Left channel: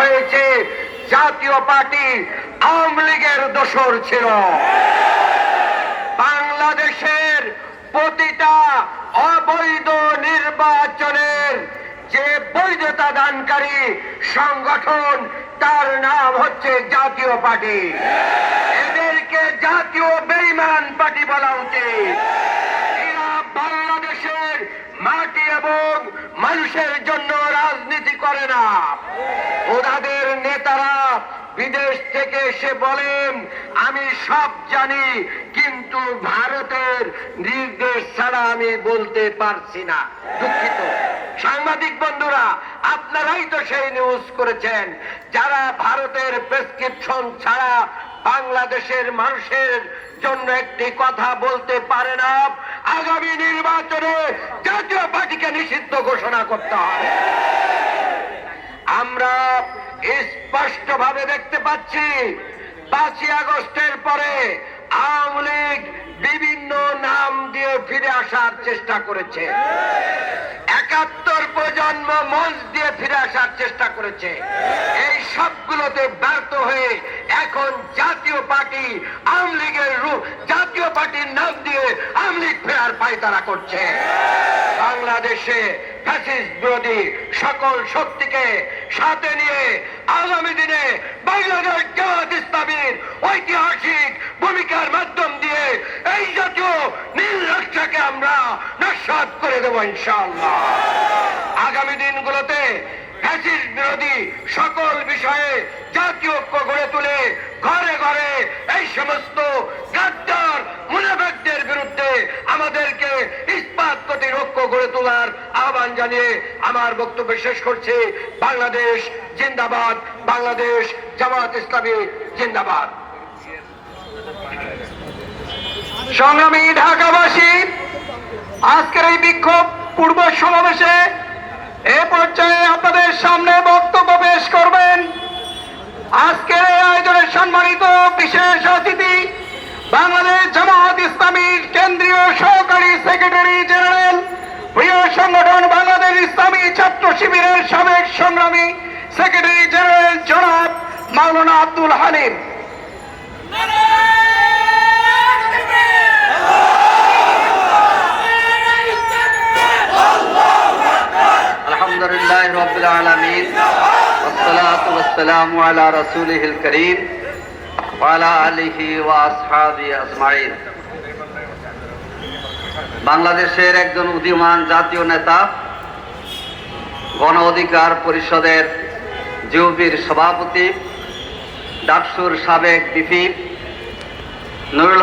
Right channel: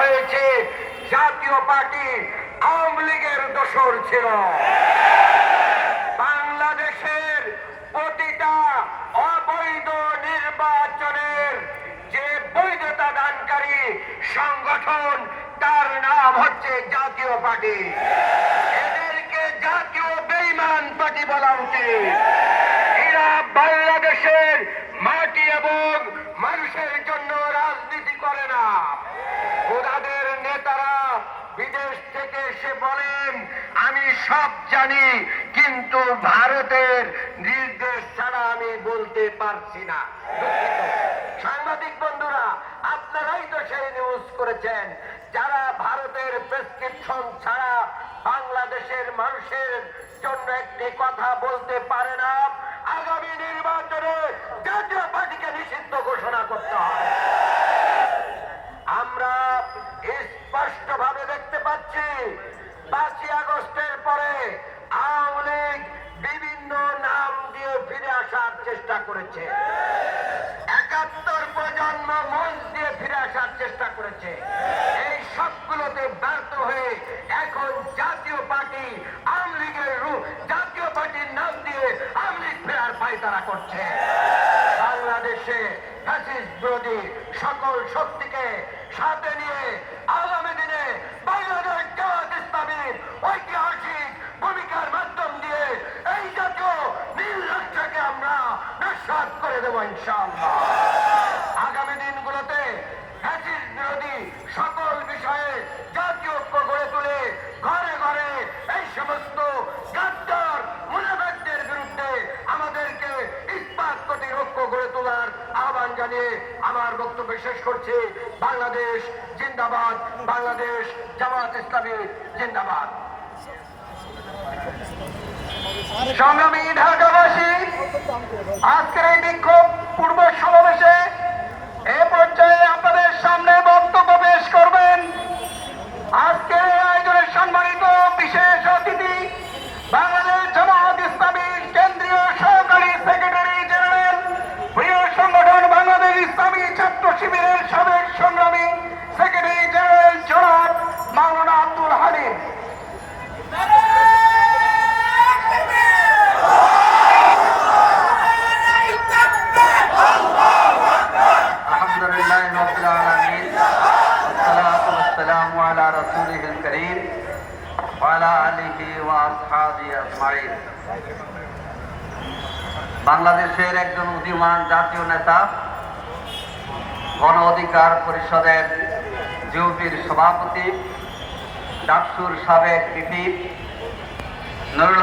হয়েছে জাতীয় পার্টি আওয়ামী লীগের দোসর ছিল। বাংলাদেশের প্রতিটা অবৈধ নির্বাচনের যে বৈধতা দানকারী সংগঠন তার নাম হচ্ছে জাতীয় পার্টি। এদেরকে জাতীয় বেঈমান পার্টি বলা উচিত। এরা বাংলাদেশের মাটি এবং মানুষের জন্য রাজনীতি করে না। ওনাদের নেতারা বিদেশ থেকে এসে বলেন আমি সব জানি, কিন্তু ভারতের নির্দেশ ছাড়া আমি বলতে পারছি না। দুঃখিত সাংবাদিক বন্ধুরা, আপনারাই তো সেই নিউজ করেছেন। যারা ভারতের প্রেসক্রিপশন ছাড়া বাংলাদেশের মানুষের জন্য একটি কথা বলতে পারে না, আগামী নির্বাচনে জাতীয় পার্টিকে নিষিদ্ধ ঘোষণা করতে হবে। আমরা স্পষ্টভাবে দেখতে পাচ্ছি 5ই আগস্টের পরে আওয়ামী লীগ বিভিন্ন নাম দিয়ে ফিরে আসার চেষ্টা করেছে। 71 প্রজন্ম মঞ্চ দিয়ে ফিরে আসার চেষ্টা করেছে। এই সবগুলোতে ব্যর্থ হয়ে এখন জাতীয় পার্টি আওয়ামী লীগের জাতীয় পার্টির নাম দিয়ে আওয়ামী লীগ ফেরার পায়তারা করছে। বাংলাদেশে ফ্যাসিস্ট বিরোধী সকল শক্তিকে সাথে নিয়ে আগামী দিনে বাংলাদেশ জামাত ইসলামীর ঐতিহাসিক ভূমিকার মাধ্যম দিয়ে এই জাতীয় নীল রাষ্ট্রকে আমরা নস্যাৎ করে দেব ইনশাআল্লাহ। আগামী দিনগুলোতে ফ্যাসিস্ট বিরোধী সকল বিষয়ে জাতীয় ঐক্য গড়ে তুলে ঘরে ঘরে এই সমস্ত গাদ্দার মুনাফিকদের বিরুদ্ধে আমাদেরকে ইস্পাত প্রতি ঐক্য গড়ে তোলার আহ্বান জানিয়ে আমার বক্তব্য শেষ করছি। বাংলাদেশ জিন্দাবাদ, বাংলাদেশ জামাত ইসলামী জিন্দাবাদ। সংগ্রামী ঢাকাবাসী, আজকের এই বিক্ষোভ পূর্ব সমাবেশে এ পর্যায়ে আপনাদের সামনে বক্তব্য পেশ করবেন আজকের এই আয়োজনের সম্মানিত বিশেষ অতিথি, বাংলাদেশ জামাত ইসলামীর কেন্দ্রীয় সহকারী সেক্রেটারি জেনারেল, প্রিয় সংগঠন বাংলাদেশ ইসলামী ছাত্র শিবিরের সাবেক সংগ্রামী সেক্রেটারি জেনারেল জনাব মাওলানা আব্দুল হালিম। আলহামদুলিল্লাহ রাব্বিল আলামিন, ওয়াসসালাতু ওয়াসসালামু আলা রাসূলিহিল কারীম ওয়া আলা আলিহি ওয়া আসহাবিহি আজমাইন। বাংলাদেশের একজন উদীয়মান জাতীয় নেতা, গণ অধিকার পরিষদের জিওবির সভাপতি, ডাকসুর সাবেক ভিপি নুরুল